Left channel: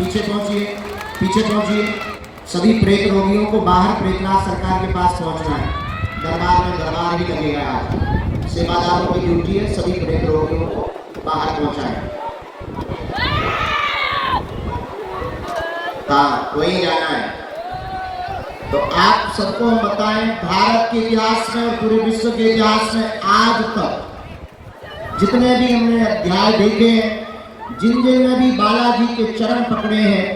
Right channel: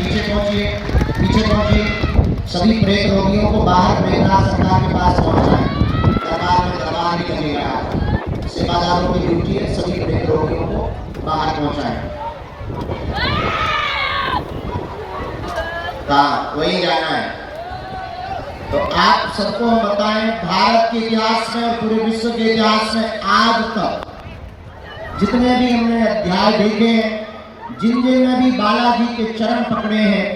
पीछे पहुंचिए। सभी प्रेत रोगियों को बाहर प्रेतनाथ सरकार के पास पहुंचाएं। दरबार में दरबार भी करिएगा। सेवादारों की ड्यूटी है सभी प्रेत रोगियों को बाहर पहुंचाएं। वही जाना है। तो आप सबको हम बताएं, भारत के इतिहास में और पूरे विश्व के इतिहास में आज तक जितने भी हमने अध्याय देखे हैं, जिन जिन ने भी बालाजी के चरण पकड़े हैं,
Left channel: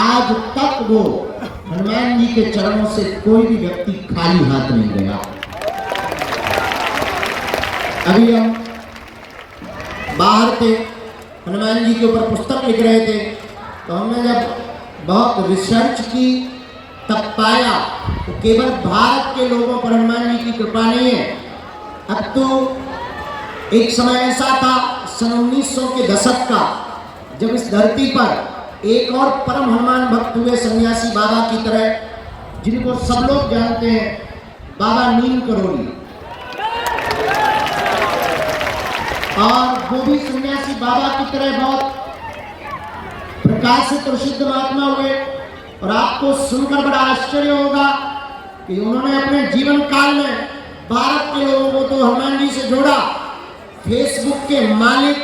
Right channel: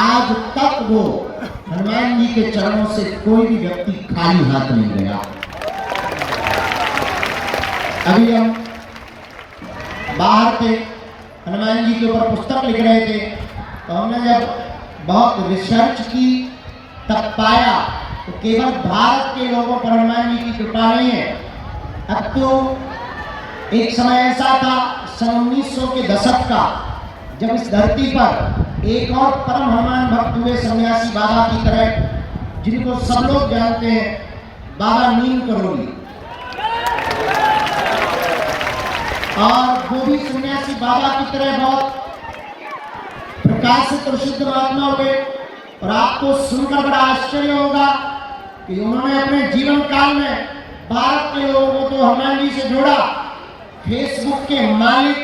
आज तक वो हनुमान जी के चरणों से कोई भी व्यक्ति खाली हाथ नहीं गया। अभी हम बाहर थे, हनुमान जी के ऊपर पुस्तक लिख रहे थे, तो हमने जब बहुत रिसर्च की तब पाया तो केवल भारत के लोगों पर हनुमान जी की कृपा नहीं है। अब तो एक समय ऐसा था सन 1900 के दशक का, जब इस धरती पर एक और परम हनुमान भक्त हुए सन्यासी बाबा की तरह, जिनको सब लोग जानते हैं, बाबा नीम करोगी। और वो भी सन्यासी बाबा की तरह बहुत प्रकाशित और सिद्ध महात्मा हुए। और आपको सुनकर बड़ा आश्चर्य होगा कि उन्होंने अपने जीवन काल में भारत के लोगों को तो हनुमान जी से जोड़ा। फेसबुक के मालिक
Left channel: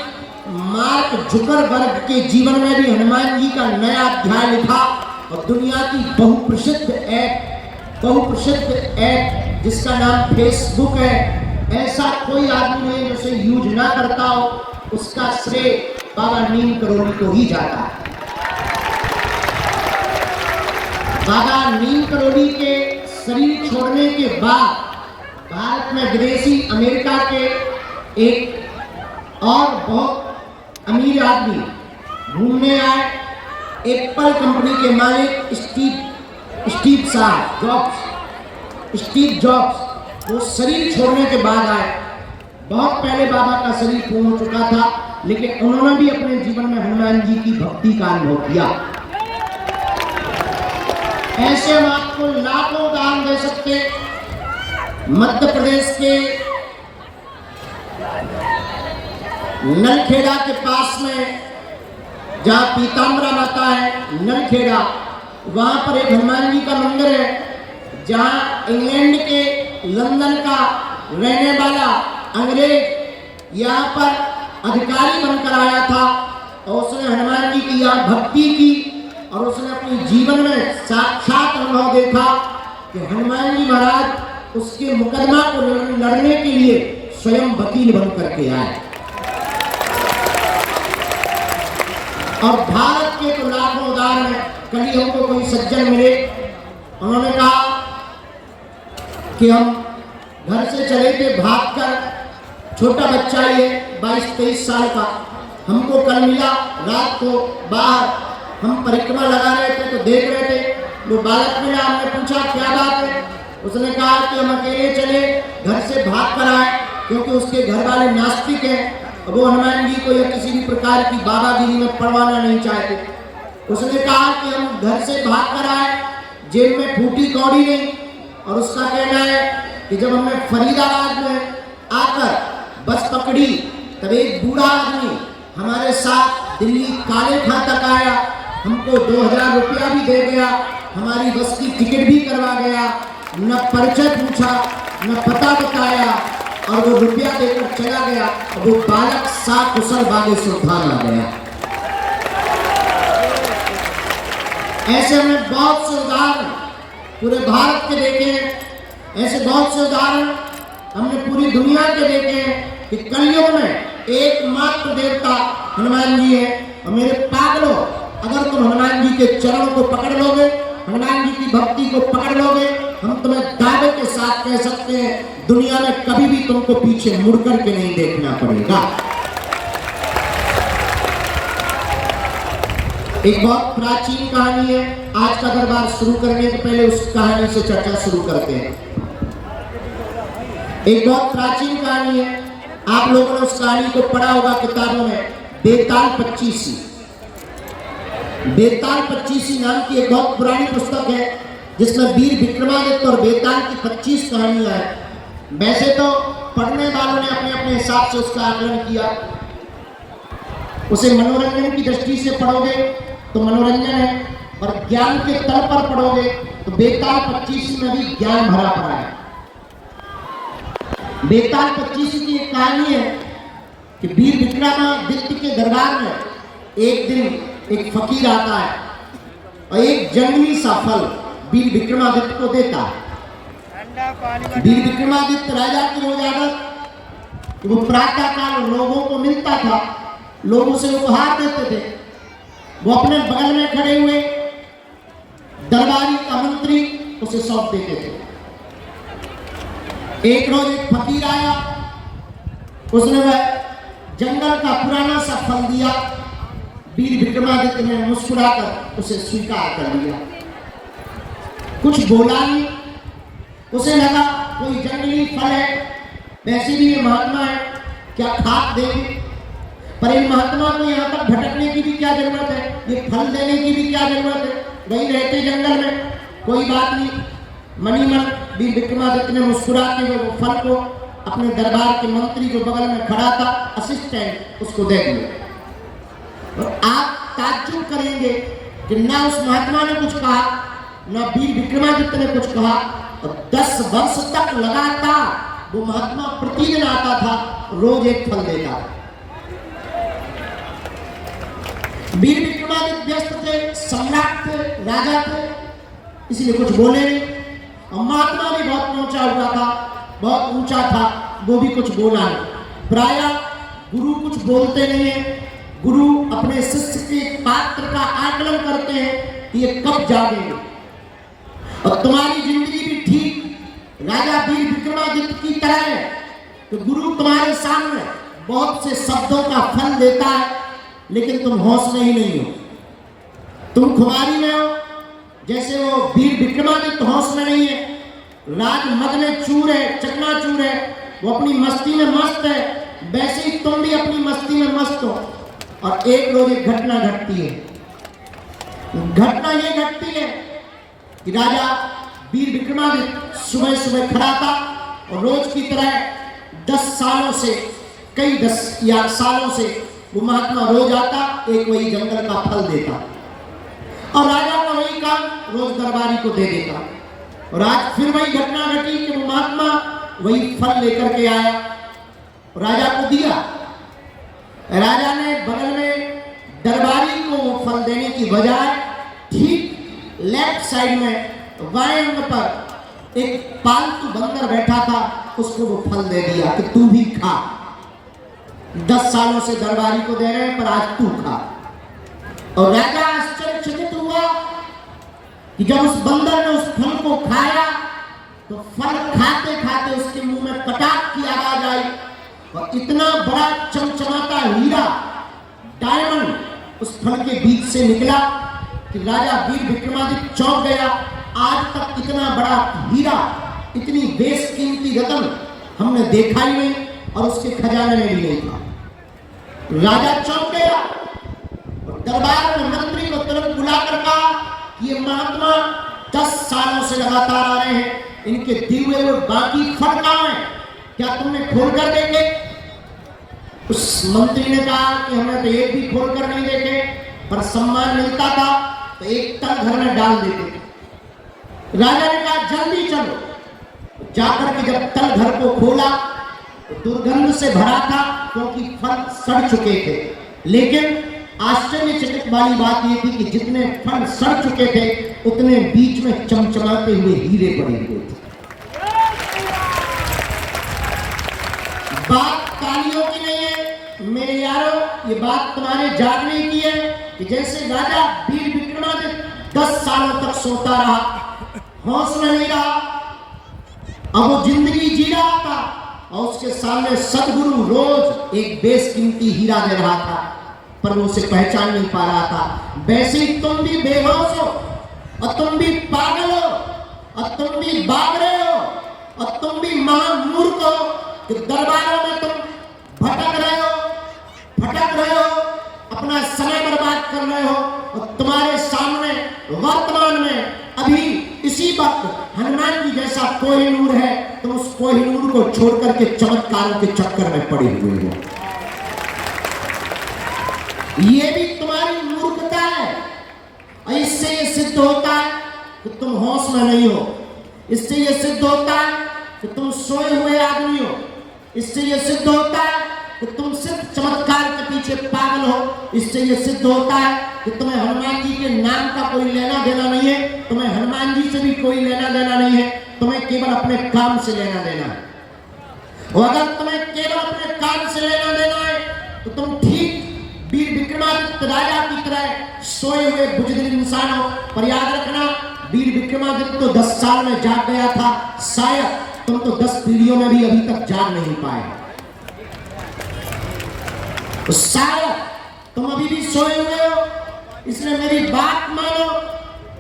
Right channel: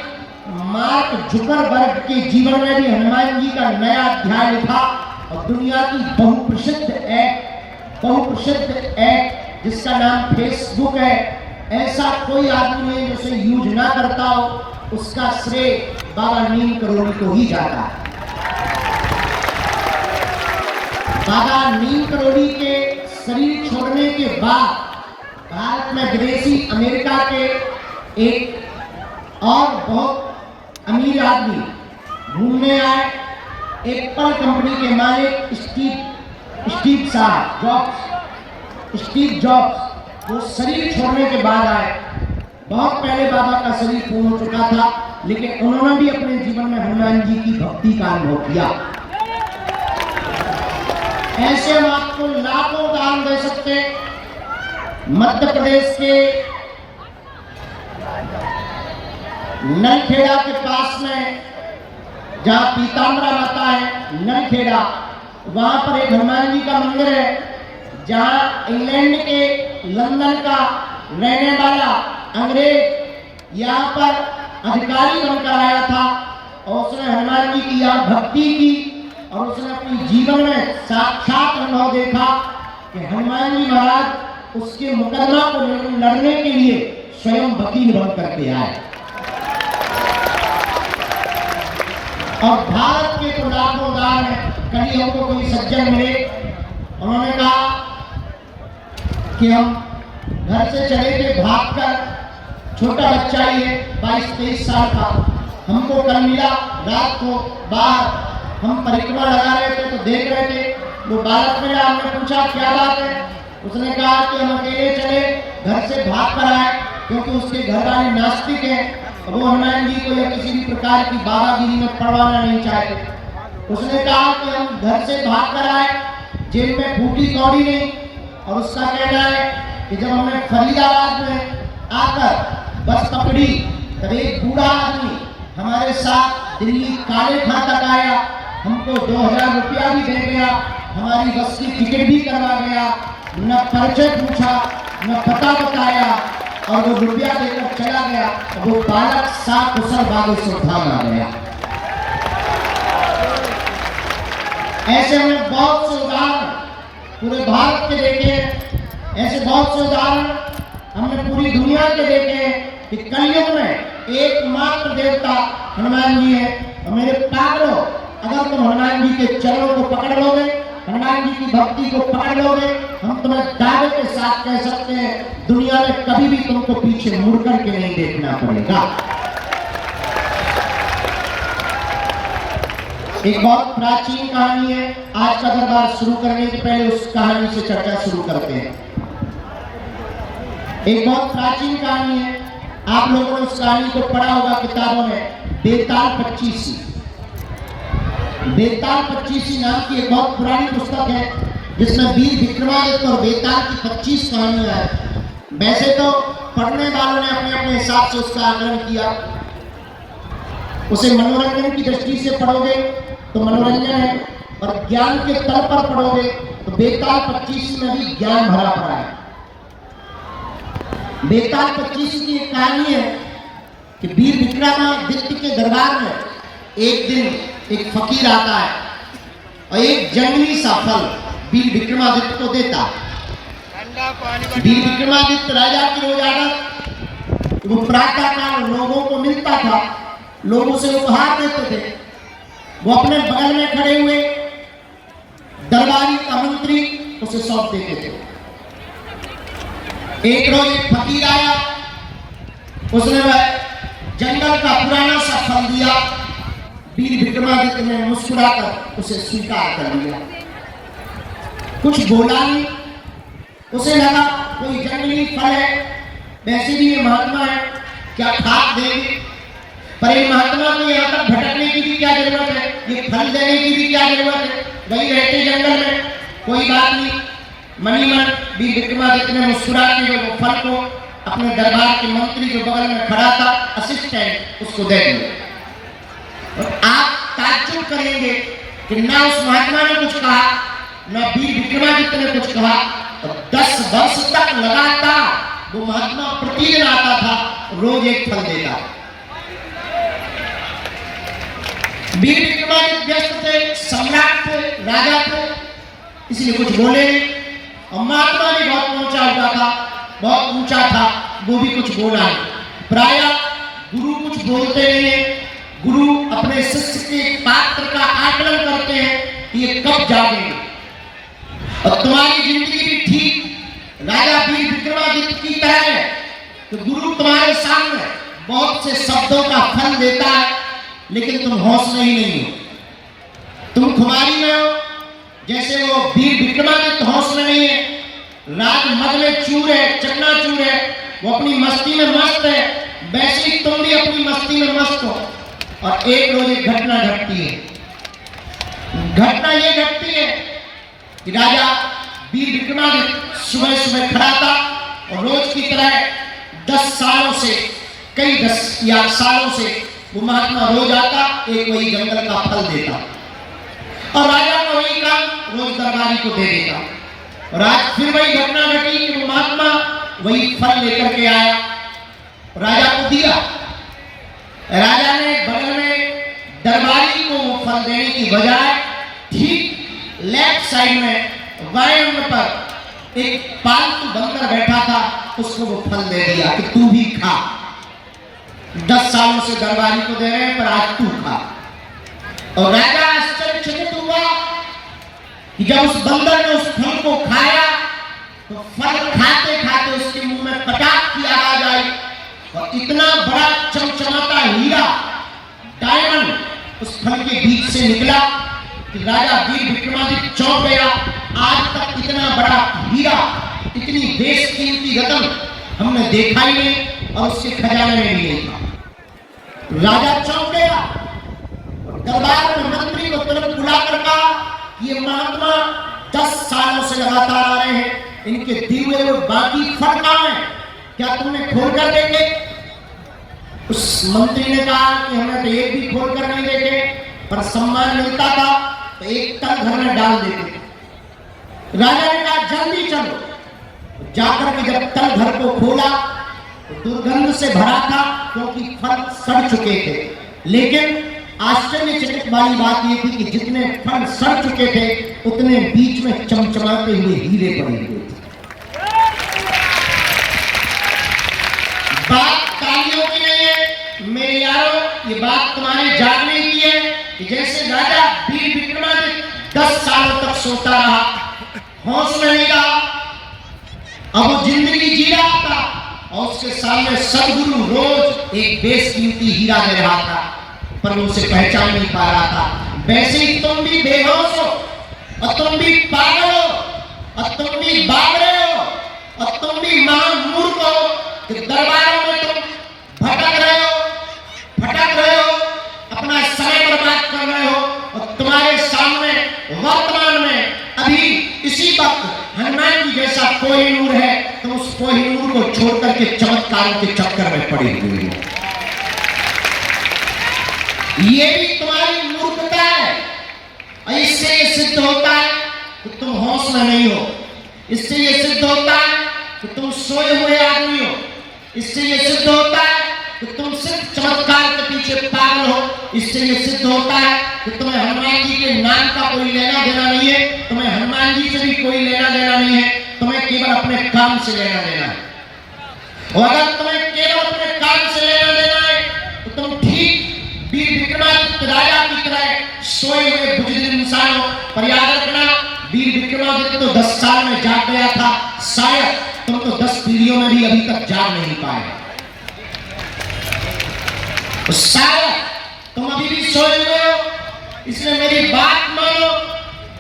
मार्क जुकरबर्ग के जीवन में भी हनुमान जी का नया अध्याय लिखा और दुनिया की बहुप्रसिद्ध ऐप जिसका नाम फेसबुक है, ऐसा कोई आदमी नहीं जो उसे यूज ना करता हो, उसका श्रेय बाबा नीम करोली को ही जाता है। बाबा नीम करोली के शरीर छोड़ने के बाद भारत में विदेशी अमेरिका के एक और बहुत अमीर आदमी घूमने आए। एप्पल कंपनी के मालिक स्टीव जॉब्स वो शरीर छोड़ने के बाद आए। बहुत पहले बाबा का शरीर पूर्ण हो चुका था, लेकिन उन्होंने भी अपने जीवन में हनुमान जी की भक्ति का अनुभव किया। ऐसे हम आपको लाखों दान दे सकते। मध्य प्रदेश के नलखेड़ा के पास में जहाँ पीताम्बरा माता है, नलखेड़ा, वहां पर एक हनुमान जी का मंदिर है, जहाँ इंग्लैंड के लंदन का रहने वाला अंग्रेज यहाँ पर अधिकारी बनकर आया था और उसने हनुमान जी की यहाँ भक्ति की और उसने अपने जीवन में साक्षात अनुभव देखा कि हनुमान जी महाराज उसके मुकदमा को लड़ने के लिए स्वयं वकील बन करके आए। और भारत के तो लाखों उदाहरण हैं। कभी हमको कोई सज्जन मिले, उन्होंने कहा कि हम घर से चले थे भागकर, छोटा बच्चा ही है 22-23 साल का, हमको कल मिला रात को बाहर, हम परिक्रमा लगा रहे थे तो देख रहे थे, वो बालक मिला, हमने पूछा क्या बात है, उसने कहा कि हम अकेले चले, घर से भाग कर आए क्योंकि उसके घर वाले नास्तिक हैं, वो हनुमान जी को या किसी भी प्रकार की बाबागिरी में पड़वाना नहीं चाहते। उसने कहा कि हम घर से भाग कर आए, जेब में फूटी कौड़ी नहीं, और उसका कहना है कि जब हमने फरीदाबाद में आकर बस पकड़ी तब एक बूढ़ा आदमी हमारे साथ दिल्ली काले खां तक आया, हमको 2000 रुपया भी दे गया, हमारी बस की टिकट भी करवा गया, न परिचय पूछा न पता बताया और वो रुपया देकर चला गया। वो बालक साथ कुशल बागेश्वर धाम आ गया। ऐसे में बहुत से उदाहरण पूरे भारत के देखे, ऐसे बहुत से उदाहरण हमने पूरी दुनिया के देखे कि कलयुग में एकमात्र देवता हनुमान जी है। और मेरे पागलों, अगर तुम हनुमान जी के चरणों को पकड़ लोगे, हनुमान जी की भक्ति को पकड़ लोगे, हम तुम्हें दावे के साथ कह सकते हैं दुनिया में कभी भी तुमको पीछे मुड़ करके नहीं देखना पड़ेगा। एक बहुत प्राचीन कहानी है, आज का दरबार शुरू करने के पहले उस कहानी से चर्चा शुरू करते हैं। एक बहुत प्राचीन कहानी है, आप लोगों ने उस कहानी को पढ़ा होगा किताबों में, बेताल पच्चीसी। बेताल पच्चीसी नाम की एक बहुत पुरानी पुस्तक है जिसमें वीर विक्रमादित्य और बेताल की 25 कहानियां हैं। वैसे तो पढ़ने वालों ने अपने अपने हिसाब से उसका आकलन किया। उसे मनोरंजन की दृष्टि से पढ़ोगे तो मनोरंजन है, और ज्ञान के तल पर पढ़ोगे तो बेताल 25 में भी ज्ञान भरा पड़ा है। बेताल 25 की एक कहानी है कि वीर विक्रमादित्य के दरबार में एक दिन एक फकीर आता है और एक जंगली सा फल वीर विक्रमादित्य को देता है। वीर विक्रमादित्य राजा की रोज आदत, वो प्रातः काल लोगों को मिलता था, लोगों से उपहार देते थे। वो अपने बगल में खड़े हुए दरबारी का मंत्री उसे सौंप देते थे। एक रोज एक फकीर आया, उसने वह जंगल का पुराना सा फल दिया। वीर विक्रमादित्य ने मुस्कुराकर उसे स्वीकार कर लिया, कुछ बोला नहीं। उसे लगा कोई जंगली फल है, वैसे भी ये महात्मा है, क्या खाक देंगे, पर ये महात्मा को यहाँ तक भटकने की भी क्या जरूरत है, ये फल देने की भी क्या जरूरत है, वही रहते जंगल में, कोई बात नहीं। मनी मन वीर विक्रमादित्य ने मुस्कुरा के वो फल को अपने दरबार के मंत्री जो बगल में खड़ा था असिस्टेंट उसको दे दिया। और आप ताज्जुब करेंगे कि ना उस महात्मा ने कुछ कहा, ना वीर विक्रमादित्य ने कुछ कहा, और 10 वर्ष तक लगातार वो महात्मा प्रतिदिन आता था, रोज एक फल देता। वीर विक्रमादित्य व्यस्त थे, सम्राट थे, राजा थे, इसलिए कुछ बोले नहीं। और महात्मा भी बहुत ऊंचा हुआ था, बहुत ऊंचा था, वो भी कुछ बोला नहीं। प्राय गुरु कुछ बोलते नहीं है, गुरु अपने शिष्य के पात्र का आकलन करते हैं कि ये कब जागेंगे। और तुम्हारी जिंदगी भी ठीक राजा वीर विक्रमादित्य की तरह है कि गुरु तुम्हारे सामने बहुत से शब्दों का फल देता है, लेकिन तुम हौसले ही नहीं हो, तुम खुमारी में हो। जैसे वो वीर विक्रमादित्य हौसला नहीं है, राज मद में चूर है, चकनाचूर है, वो अपनी मस्ती में मस्त है, वैसे ही तुम भी अपनी मस्ती में मस्त हो। और एक रोज एक घटना घटती है। घटना ये घटती है कि राजा वीर विक्रमादित्य सुबह सुबह खड़ा था और रोज की तरह 10 सालों से, कई 10 या सालों से वो महात्मा रोज आता, एक वही जंगल का फल देता और राजा को वही काम रोज दरबारी को दे देता। और आज फिर वही घटना घटी कि वो महात्मा वही फल लेकर के आया, राजा को दिया। राजा ने बगल में दरबारी को वो फल देने की बजाय ठीक लेफ्ट साइड में वायु पर एक पालतू बंदर बैठा था, उसको वो फल दे दिया कि तू भी खा। 10 सालों से दरबारी को दे रहे हैं, पर आज तू खा। और राजा आश्चर्यचकित हुआ कि जब उस बंदर ने उस फल को खाया तो फल खाते खाते उसके मुंह में कटाक की आवाज आई और इतना बड़ा चमचमाता हीरा डायमंड उस फल के बीच से निकला कि राजा वीर विक्रमादित्य चौंक गया। आज तक इतना बड़ा हीरा, इतनी बेशकीमती रत्न हमने देखा ही नहीं और उसके खजाने में भी नहीं था। राजा चौंक गया। दरबार में मंत्री को तुरंत बुलाकर कहा कि ये महात्मा 10 सालों से लगातार आ रहे हैं, इनके दिए हुए वो बाकी फल कहां हैं, क्या तुमने खोल कर देखे? उस मंत्री ने कहा कि हमने तो एक भी खोल कर नहीं देखे, पर सम्मान मिलता था तो एक तल घर में डाल देते। राजा ने कहा जल्दी चलो। जाकर के जब तल घर को खोला तो दुर्गंध से भरा था, क्योंकि फल सड़ चुके थे। लेकिन आश्चर्यचकित वाली बात यह थी कि जितने फल सड़ चुके थे उतने बीच में चमचमाते हुए हीरे पड़े हुए थे। बात तालियों की नहीं है मेरे यारों, ये बात तुम्हारे जागने की है कि जैसे राजा वीर विक्रमादित्य 10 सालों तक सोता रहा, हौसला नहीं रहा, अब वो जिंदगी जी रहा था और उसके सामने सदगुरु रोज एक बेशकीमती हीरा दे रहा था, पर वो उसे पहचान नहीं पा रहा था। वैसे ही तुम भी बेहोश हो और तुम भी पागल हो और तुम भी भाग रहे हो और तुम भी महामूर्ख हो कि दरबारों में तुम भटक रहे हो, अपना समय बर्बाद कर रहे हो। और तुम्हारे सामने वर्तमान में अभी इसी वक्त हनुमान जी जैसा कोहिनूर है, तुम उस कोहिनूर को छोड़ करके चमत्कारों के चक्कर में पड़े हुए हो। ये भी तुम्हारी मूर्खता है और इससे ये सिद्ध होता है कि तुम हौसला नहीं हो, इससे ये सिद्ध होता है कि तुम सोए हुए आदमी हो, इससे ये सिद्ध होता है कि तुम सिर्फ चमत्कार के पीछे पागल हो, इससे ये सिद्ध होता है कि तुम्हें हनुमान जी के नाम का कोई लेना देना नहीं है, तुम्हें हनुमान जी से भी कोई लेना देना नहीं है, तुम्हें केवल अपने काम से लेना देना है। और अगर तुम्हें केवल अपने काम से लेना देना है तो तुम ठीक वीर विक्रमादित्य राजा की तरह सोए हुए बुजुर्ग इंसान हो। पर याद रखना, वीर विक्रमादित्य तो 10 साल में जाग गया था, शायद तुम तो 10 पीढ़ियों में भी अभी तक जाग नहीं पाए। तो शायद तुम अभी भी सोए हुए हो, इसलिए मेरी बात मानो।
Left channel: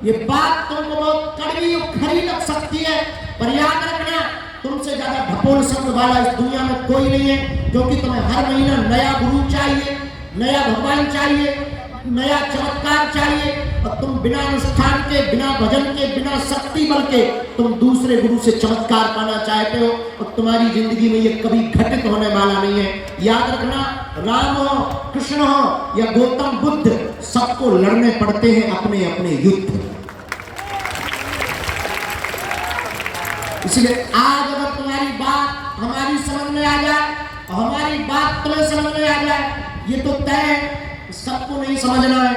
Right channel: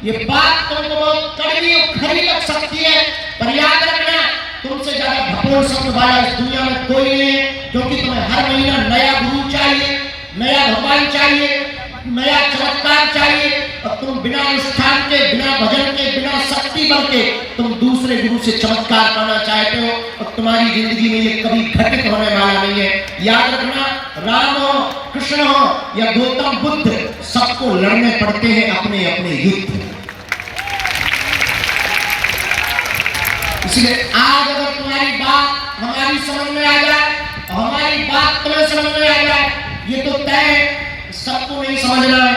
ये बात तुमको बहुत कड़वी और खरी लग सकती है, पर याद रखना, तुमसे ज्यादा भपोल समझ वाला इस दुनिया में कोई नहीं है, क्योंकि तुम्हें हर महीना नया गुरु चाहिए, नया भगवान चाहिए, नया चमत्कार चाहिए और तुम बिना अनुष्ठान के, बिना भजन के, बिना शक्ति बल के तुम दूसरे गुरु से चमत्कार पाना चाहते हो, और तुम्हारी जिंदगी में ये कभी घटित होने वाला नहीं है। याद रखना, राम हो, कृष्ण हो या गौतम बुद्ध, सबको लड़ने पड़ते हैं अपने अपने युद्ध। इसलिए आज अगर तुम्हारी बात हमारी समझ में आ जाए और हमारी बात तुम्हें समझ में आ जाए, ये तो तय है, सबको नहीं समझना है,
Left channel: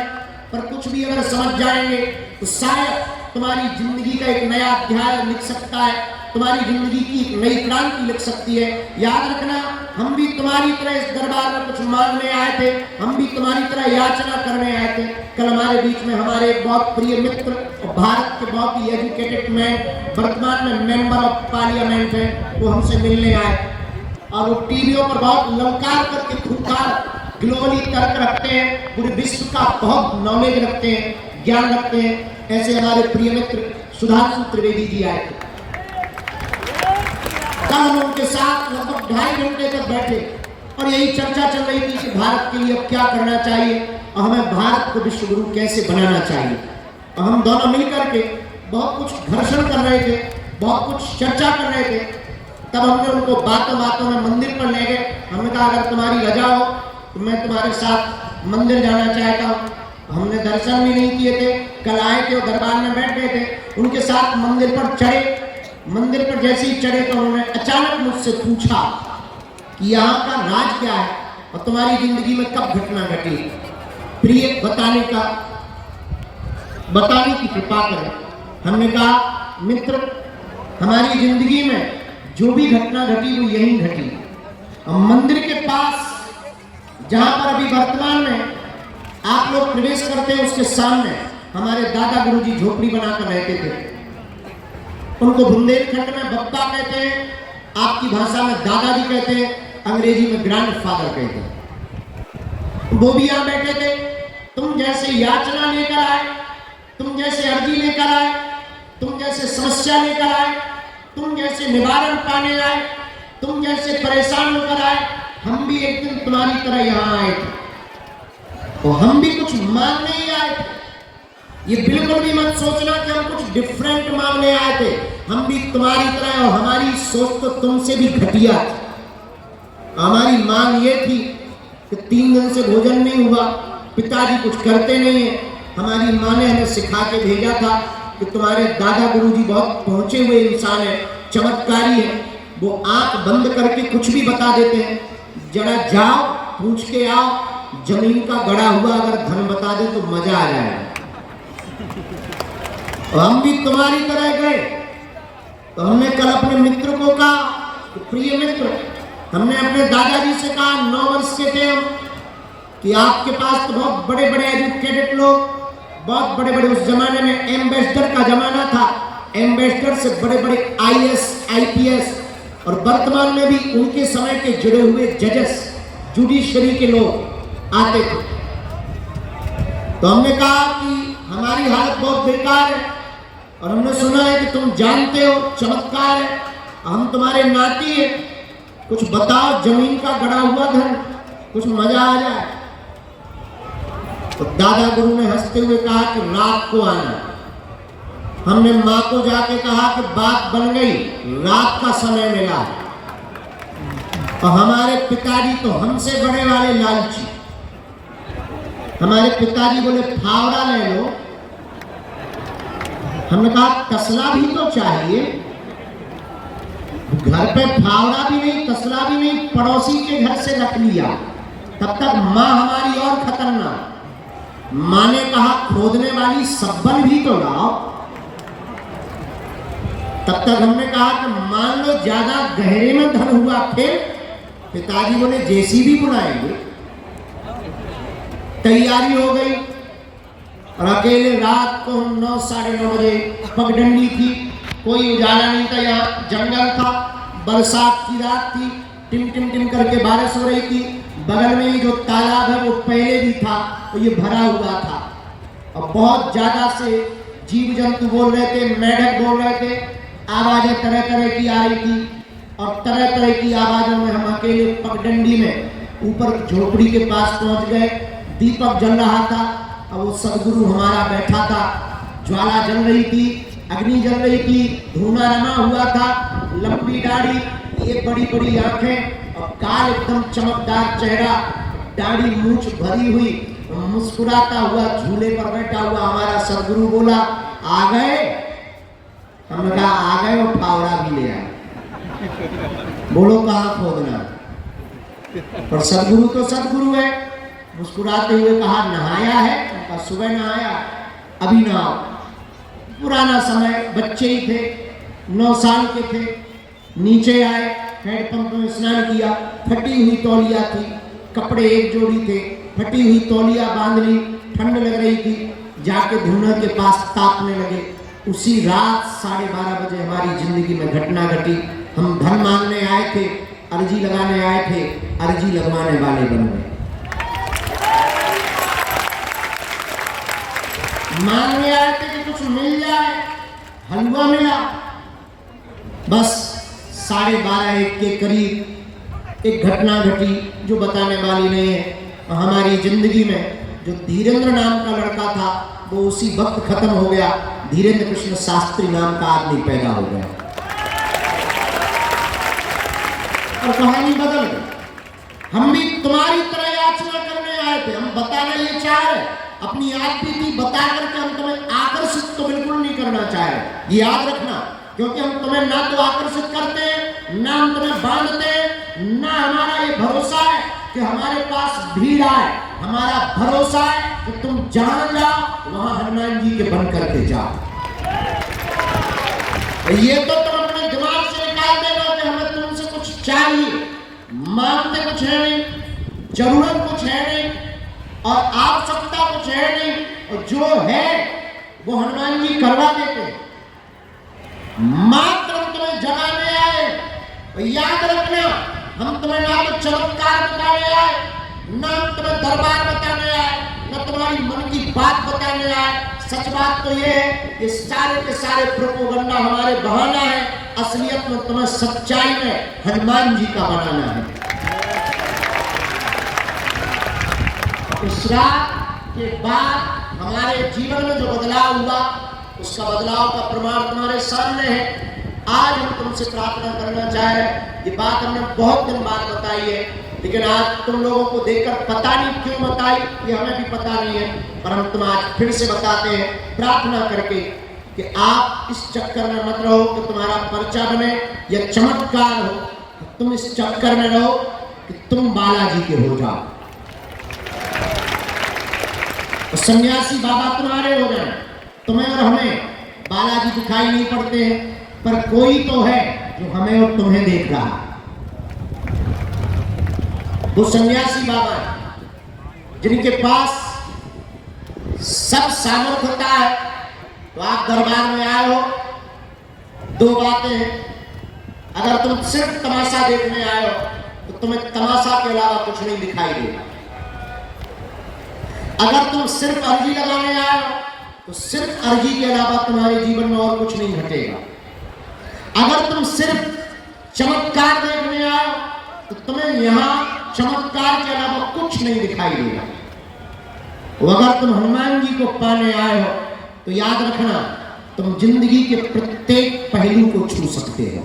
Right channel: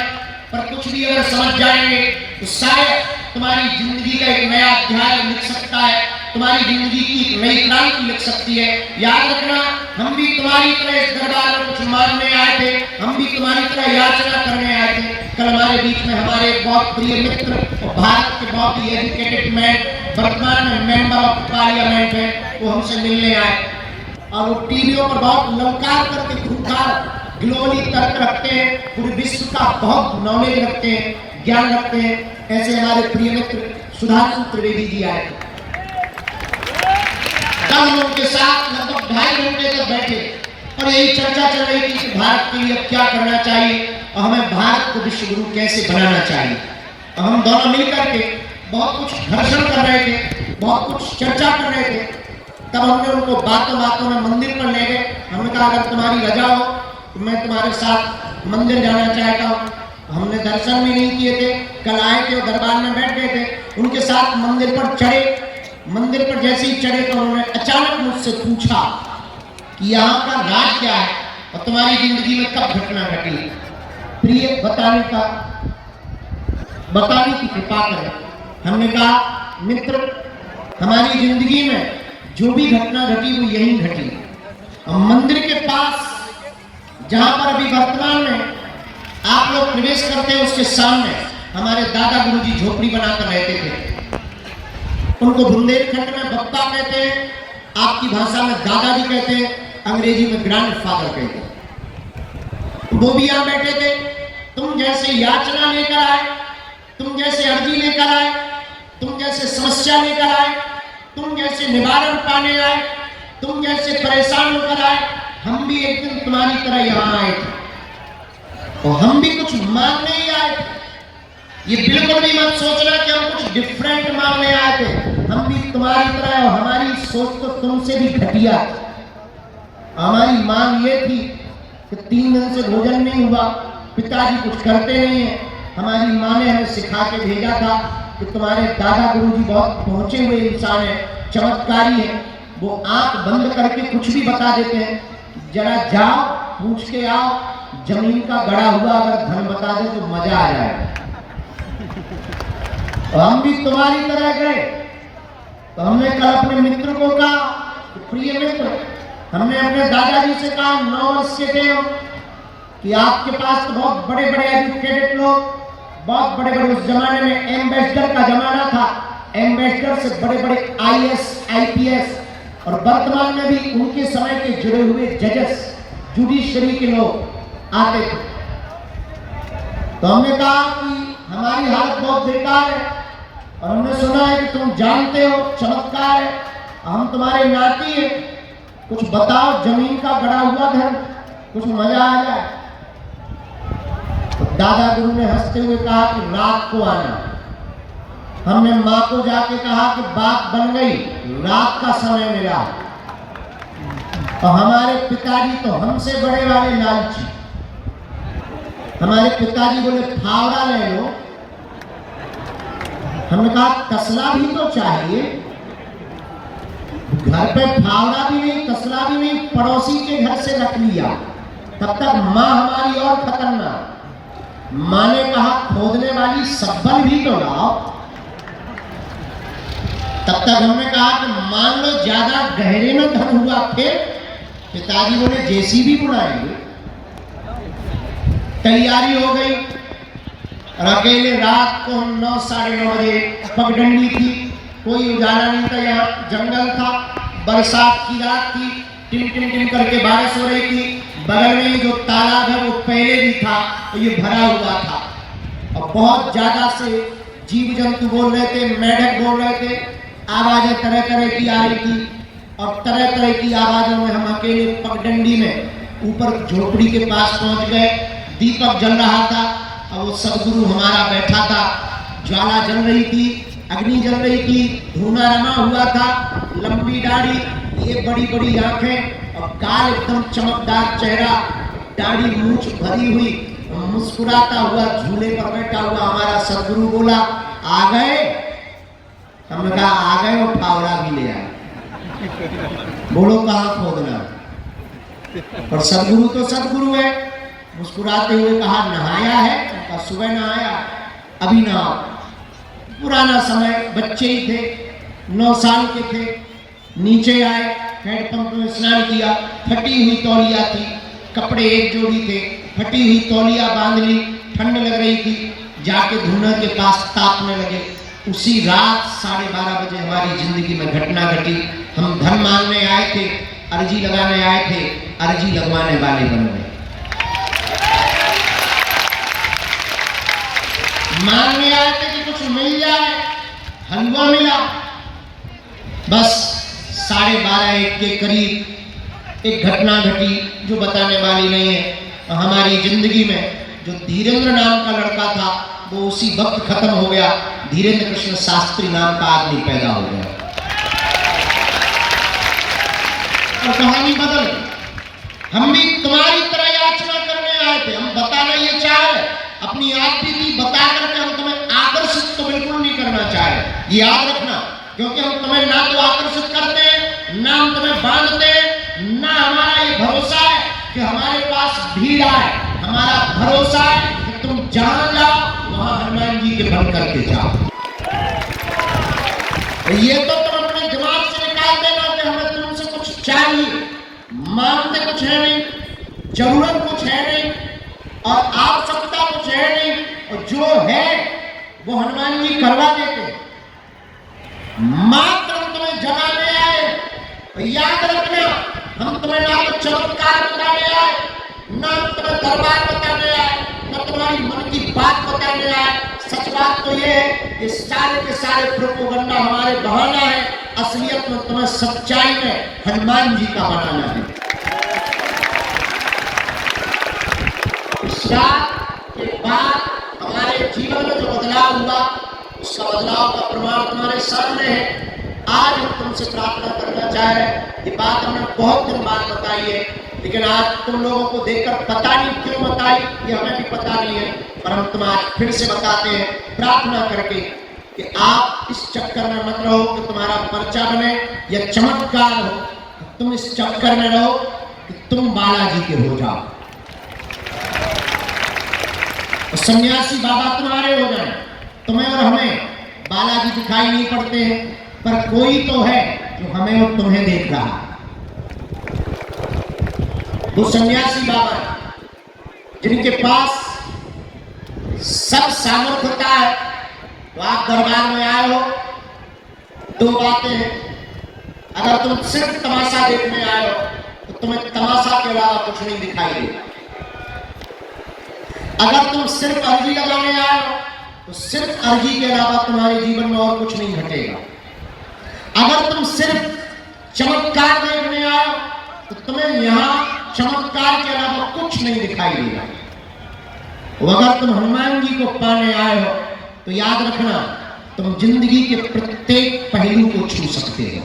पर कुछ भी अगर समझ जाएंगे तो शायद तुम्हारी जिंदगी का एक नया अध्याय लिख सकता है, तुम्हारी जिंदगी की एक नई क्रांति लिख सकती है। याद रखना, हम भी तुम्हारी तरह इस दरबार में कुछ मांगने आए थे, हम भी तुम्हारी तरह याचना करने आए थे। कल हमारे बीच में हमारे बहुत प्रिय मित्र और भारत के बहुत ही एजुकेटेड मैन, वर्तमान में मेंबर ऑफ पार्लियामेंट है, वो हमसे मिलने आए और वो टीवियों पर बहुत ललकार करके खूंखार ग्लोबली तर्क रखते हैं, पूरे विश्व का बहुत नॉलेज रखते हैं, ज्ञान रखते हैं। ऐसे हमारे प्रिय मित्र सुधांशु त्रिवेदी जी आए थे। कल हम उनके साथ लगभग 2.5 घंटे तक बैठे और यही चर्चा चल रही थी कि भारत के लिए क्या करना चाहिए और हमें भारत को विश्व गुरु कैसे बनाना चाहिए। और हम दोनों मिलकर के बहुत कुछ घर्षण कर रहे थे, बहुत कुछ चर्चा कर रहे थे। तब हमने उनको बातों बातों में मंदिर पर ले गए। हमने कहा अगर तुम्हारी रजा हो तो मैं तुम्हारे साथ मंदिर जाना चाहता हूँ। हमने दर्शन भी नहीं किए थे, कल आए थे, दरबार में बैठ गए थे, उनके साथ मंदिर पर चढ़े। मंदिर पर जैसे ही चढ़े तो उन्होंने अचानक मुझसे पूछा कि यहाँ का राज क्या है और तुम्हारी जिंदगी में कब घटना घटी। प्रिय बताने की कृपा करें। हमने कहा मित्र, हमारी जिंदगी में जो भी घटना घटी वो यही घटी। और मंदिर के पास जहां पर अभी वर्तमान में आप लोग प्रवेश करते हैं उसके सामने हमारे दादा गुरुजी झोपड़ी बनाकर रहते थे। उनको बुंदेलखंड में बप्पा कहते हैं, आपकी भाषा में दादाजी कहते हैं, अंग्रेजी में ग्रैंडफादर कहते हैं। वो भी यहाँ बैठे थे। तुम जैसे याचना लेकर आए, तुम जैसे अर्जी लेकर आए, तुम जैसे समस्या लेकर आए, तुम जैसे निवारण पाने आए, तुम जैसे परेशान होकर आए, हम भी एक दिन तुम्हारी तरह यहाँ आए थे और हम भी कुछ मांगने ही आए थे। ये बिल्कुल भी मत सोचना कि हम कुछ डिफरेंट मांगने आए थे। हम भी तुम्हारी तरह, और हमारी सोच तो तुमसे भी घटिया थी। हमारी मांग ये थी कि 3 दिन से भोजन नहीं हुआ, पिताजी कुछ करते नहीं है। हमारी माँ ने हमें सिखा के भेजा था कि तुम्हारे दादा गुरुजी बहुत पहुंचे हुए इंसान है, चमत्कारी है, वो आंख बंद करके कुछ भी बता देते हैं। जरा जाओ, पूछ के आओ, जमीन का गड़ा हुआ अगर धन बता दे तो मजा आ जाएगा। और हम भी तुम्हारी तरह गए। तो हमने कल अपने मित्र को कहा, तो प्रिय मित्र, हमने अपने दादाजी से कहा, 9 वर्ष के थे हम, कि आपके पास तो बहुत बड़े बड़े एजुकेटेड लोग, बहुत बड़े बड़े, उस जमाने में एम्बेसडर का जमाना था, एम्बेसडर से बड़े बड़े IAS IPS और वर्तमान में भी उनके समय के जुड़े हुए जजेस, जुडिशरी के लोग आते थे। तो हमने कहा कि हमारी हालत बहुत बेकार है और हमने सुना है कि तुम जानते हो चमत्कार है, हम तुम्हारे नाती हैं, कुछ बताओ, जमीन का गड़ा हुआ धन, कुछ मजा आ जाए। तो दादा गुरु ने हंसते हुए कहा कि रात को आना। हमने माँ को जाके कहा कि बात बन गई, रात का समय मिला। और हमारे पिताजी तो हमसे बड़े वाले लालची। हमारे पिताजी बोले फावड़ा ले लो। हमने कहा तसला भी तो चाहिए, घर पे फावड़ा भी नहीं, तसला भी नहीं, पड़ोसी के घर से रख लिया। तब तक माँ हमारी और खतरनाक। माँ ने कहा खोदने वाली सब्बल भी तो लाओ। तब तक हमने कहा कि मान लो ज्यादा गहरे में धन हुआ, फिर पिताजी बोले JCB बुलाएंगे। तैयारी हो गई और अकेले रात को 9 साढ़े 9 बजे पगडंडी थी, कोई उजाला नहीं था, यहाँ जंगल था, बरसात की रात थी, टिम टिम टिम करके बारिश हो रही थी। बगल में ही जो तालाब है वो पहले भी था, तो ये भरा हुआ था और बहुत ज्यादा से जीव जंतु बोल रहे थे, मेढक बोल रहे थे, आवाजें तरह तरह की आ रही थी। और तरह तरह की आवाजों में हम अकेले पगडंडी में ऊपर झोपड़ी के पास पहुंच गए। दीपक जल रहा था, और वो सदगुरु हमारा बैठा था, ज्वाला जल रही थी, अग्नि जल रही थी, धुआं रमा हुआ था, लंबी दाढ़ी, ये बड़ी बड़ी आंखें और काल एकदम चमकदार चेहरा, दाढ़ी मूंछ भरी हुई, मुस्कुराता हुआ झूले पर बैठा हुआ हमारा सदगुरु बोला, आ गए? हमने कहा आ गए और फावड़ा भी ले आए। बोलो कहाँ खोदना? और सदगुरु तो सदगुरु है। मुस्कुराते हुए कहा नहाया है? उनका सुबह नहाया, अभी नहाओ। पुराना समय, बच्चे ही थे, 9 साल के थे। नीचे आए, हैंडपंप में स्नान किया, फटी हुई तौलिया थी, कपड़े एक जोड़ी थे, फटी हुई तौलिया बांध ली, ठंड लग रही थी, जाके धुना के पास तापने लगे। उसी रात 12:30 बजे हमारी जिंदगी में घटना घटी। हम धन मांगने आए थे, अर्जी लगाने आए थे, अर्जी लगवाने वाले बन गए। मांगने आए थे कि कुछ मिल जाए, हलवा मिला। बस 12:30-1 के करीब एक घटना घटी जो बताने वाली नहीं है। हमारी जिंदगी में जो धीरेन्द्र नाम का लड़का था वो उसी वक्त खत्म हो गया। धीरेन्द्र कृष्ण शास्त्री नाम का आदमी पैदा हो गया और कहानी बदल गई। हम भी तुम्हारी तरह याचना करने आए थे। हम बताना ये चाह रहे, अपनी आपकी बता करके हम तुम्हें आकर्षित तो बिल्कुल नहीं करना चाह रहे, ये याद रखना। क्योंकि हम तुम्हें ना तो आकर्षित करते हैं, ना हम तुम्हें बांधते हैं, ना हमारा ये भरोसा है कि हमारे पास भीड़ आए। हमारा भरोसा है कि तुम जहां जाओ वहां हनुमान जी के बन करके जाओ। ये तो तुम अपने दिमाग से निकाल देना कि हमें तुमसे कुछ चाहिए। मांगते कुछ है नहीं, जरूरत कुछ है नहीं और आवश्यकता कुछ है नहीं, और जो है वो हनुमान जी करवा देते हैं। मात्र हम तुम्हें जगाने आए। याद रखना, हम तुम्हें ना तो चमत्कार बताने आए, ना हम तुम्हें दरबार बताने आए, ना तुम्हारी मन की बात बताने आए। सच बात तो ये है कि सारे के सारे प्रोपोगंडा हमारे बहाना है। असलियत में तुम्हें सच्चाई में हनुमान जी का बनाना है। इस रात के बाद हमारे जीवन में जो बदलाव हुआ, उसका बदलाव का प्रमाण तुम्हारे सामने है। आज हम तुमसे प्रार्थना करना चाहे, ये बात हमने बहुत दिन बाद बताई है, लेकिन आज तुम लोगों को देखकर पता नहीं क्यों बताई, ये हमें भी पता नहीं है, पर हम तुम आज फिर से बताते हैं प्रार्थना करके कि आप इस चक्कर में मत रहो कि तुम्हारा पर्चा बने या चमत्कार हो। तुम इस चक्कर में रहो कि तुम बालाजी के हो जाओ, सन्यासी बाबा तुम्हारे हो जाए। तुम्हें और हमें बालाजी दिखाई नहीं पड़ते हैं, पर कोई तो है जो हमें और तुम्हें देख रहा है। वो सन्यासी बाबा जिनके पास सब सामर्थ्यता है। तो आप दरबार में आए हो, 2 बातें हैं। अगर तुम सिर्फ तमाशा देखने आए हो तो तुम्हें तमाशा के अलावा कुछ नहीं दिखाई देगा। अगर तुम सिर्फ अर्जी लगाने आए हो तो सिर्फ अर्जी के अलावा तुम्हारे जीवन में और कुछ नहीं घटेगा। अगर तुम सिर्फ चमत्कार देखने आए हो तो तुम्हें यहां चमत्कार के अलावा कुछ नहीं दिखाई देगा। और अगर तुम हनुमान जी को पाने आए हो तो याद रखना, तुम जिंदगी के प्रत्येक पहलू को छू सकते हो।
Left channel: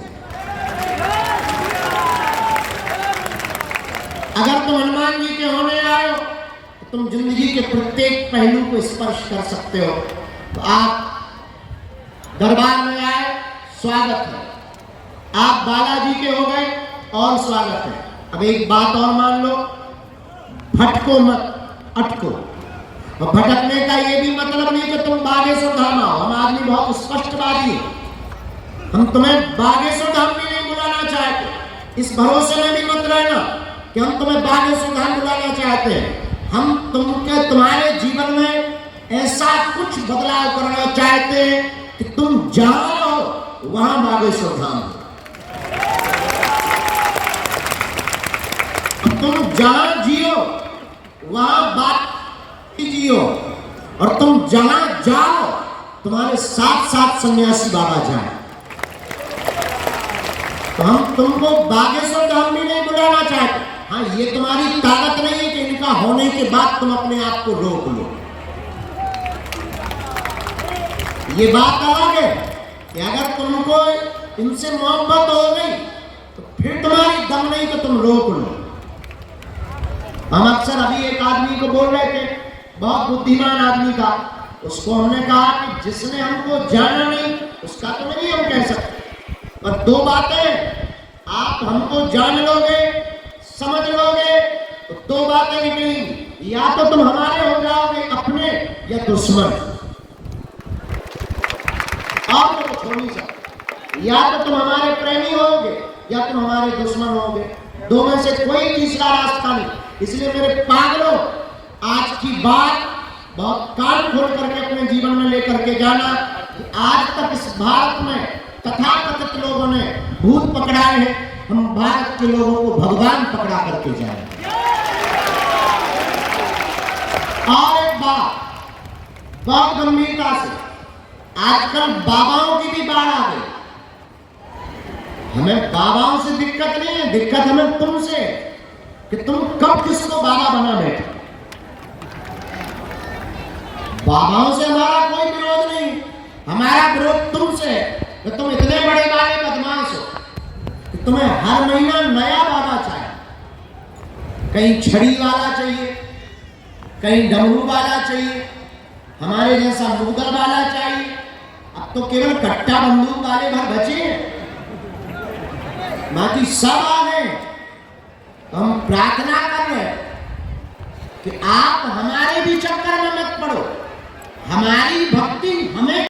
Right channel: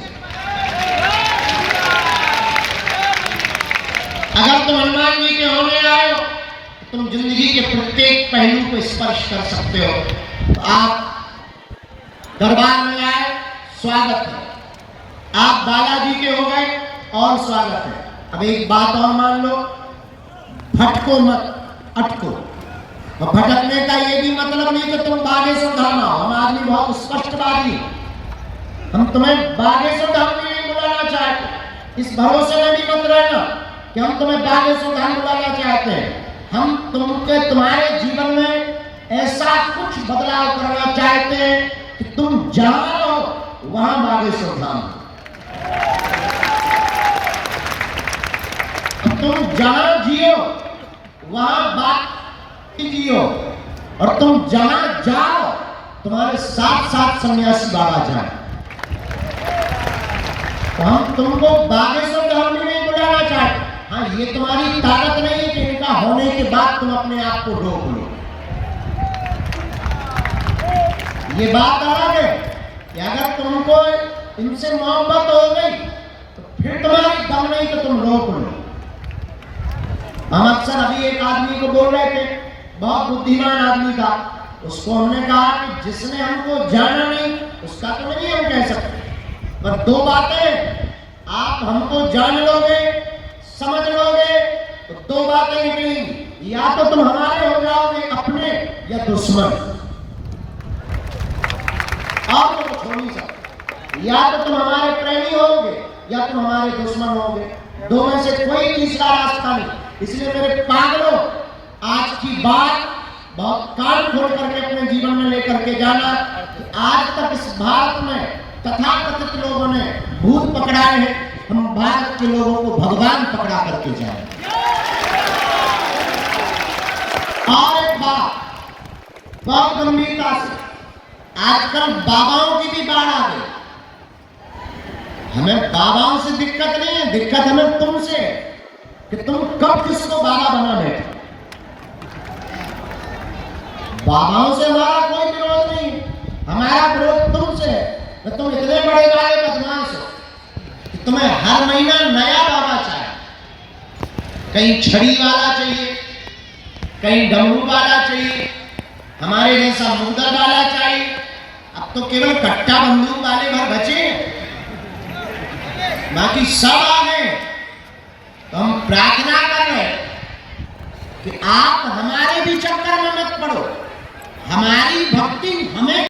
अगर तुम हनुमान जी के होने आए हो तो तुम जिंदगी के प्रत्येक पहलू को स्पर्श कर सकते हो। तो आप दरबार में आए, स्वागत है। आप बालाजी के हो गए और स्वागत है। अब एक बात और मान लो, भटको मत, अटको। और भटकने का ये भी मतलब नहीं कि तुम बागेश्वर धाम आओ। हम आदमी बहुत स्पष्टवादी है, हम तुम्हें बागेश्वर धाम भी नहीं बुलाना चाहते। इस भरोसे में भी मत रहना कि हम तुम्हें बागेश्वर धाम बुलाना चाहते हैं। हम तुम्हारे जीवन में ऐसा कुछ बदलाव करना चाहते हैं कि तुम जहां रहो वहां बागेश्वर धाम, तुम जहां जियो वहां बात जियो, और तुम जहां जाओ तुम्हारे साथ साथ सन्यासी बाबा जाए। तो हम तुमको बागेश्वर धाम भी नहीं बुलाना चाहते। हाँ, ये तुम्हारी ताकत नहीं है कि इनका होने के बाद तुम अपने आप को रोक लो। ये बात अलग है कि अगर तुमको इनसे मोहब्बत हो गई तो फिर तुम्हारी दम नहीं कि तुम रोक लो। हम अक्सर अभी एक आदमी को बोल रहे थे, बहुत बुद्धिमान आदमी था, उसको हमने कहा कि जिसने हमको जाना नहीं उसका तो नहीं हम कह सकते, पर दो बातें आप हमको जान लोगे, समझ लोगे तो दो बातें निकलेंगी, या तो तुम हमारे हो जाओगे अपने या दुश्मन, आप तो छोड़ नहीं सकते। या तो तुम हमारे प्रेमी होगे या तुम हमारे दुश्मन होगे, दो में से कोई तीसरा रास्ता नहीं। इसलिए मेरे पागलों, आज की बात बहुत कान खोल करके अपने जीवन में लेकर के जाना। आज तक इस भारत में तथाकथित लोगों ने भूत पकड़ाए हैं, हम भारत के लोगों को भगवान पकड़ा करके जाए। और एक बात बहुत गंभीरता से, आजकल बाबाओं की भी बाढ़ आ गई। हमें बाबाओं से दिक्कत नहीं है, दिक्कत हमें तुमसे कि तुम कब किसको बाबा बना बैठे। बाबाओं से हमारा कोई विरोध नहीं, हमारा विरोध तुमसे है। तुम इतने बड़े बड़े बदमाश हो कि तुम्हें हर महीना नया बाबा चाहिए, कहीं छड़ी वाला चाहिए, कहीं डमरू वाला चाहिए, हमारे जैसा मुगदर वाला चाहिए। अब तो केवल कट्टा बंदूक वाले भर बचे हैं, बाकी सब आ गए। तो हम प्रार्थना कर रहे हैं कि आप हमारे भी चक्कर में मत पड़ो, हमारी भक्ति हमें